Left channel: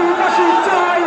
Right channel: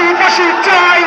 পাশাপাশি চাই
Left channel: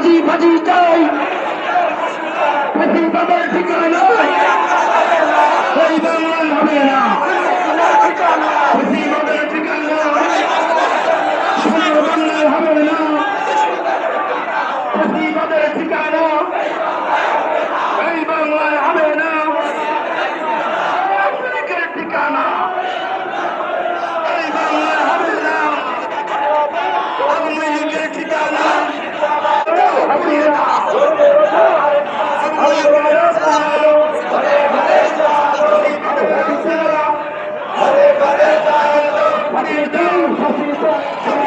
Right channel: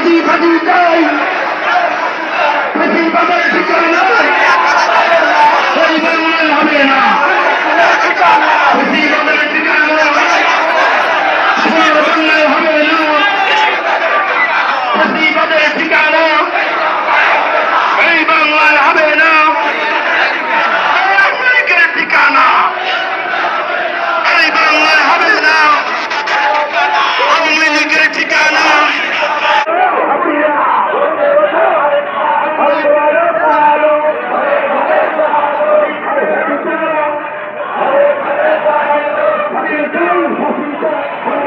ফাঁজি ফাঁজি কই। প্রতিবাদের ভিতরে নয় পরিবর্তন হবে না। এই বাংলায় দিন হাসিল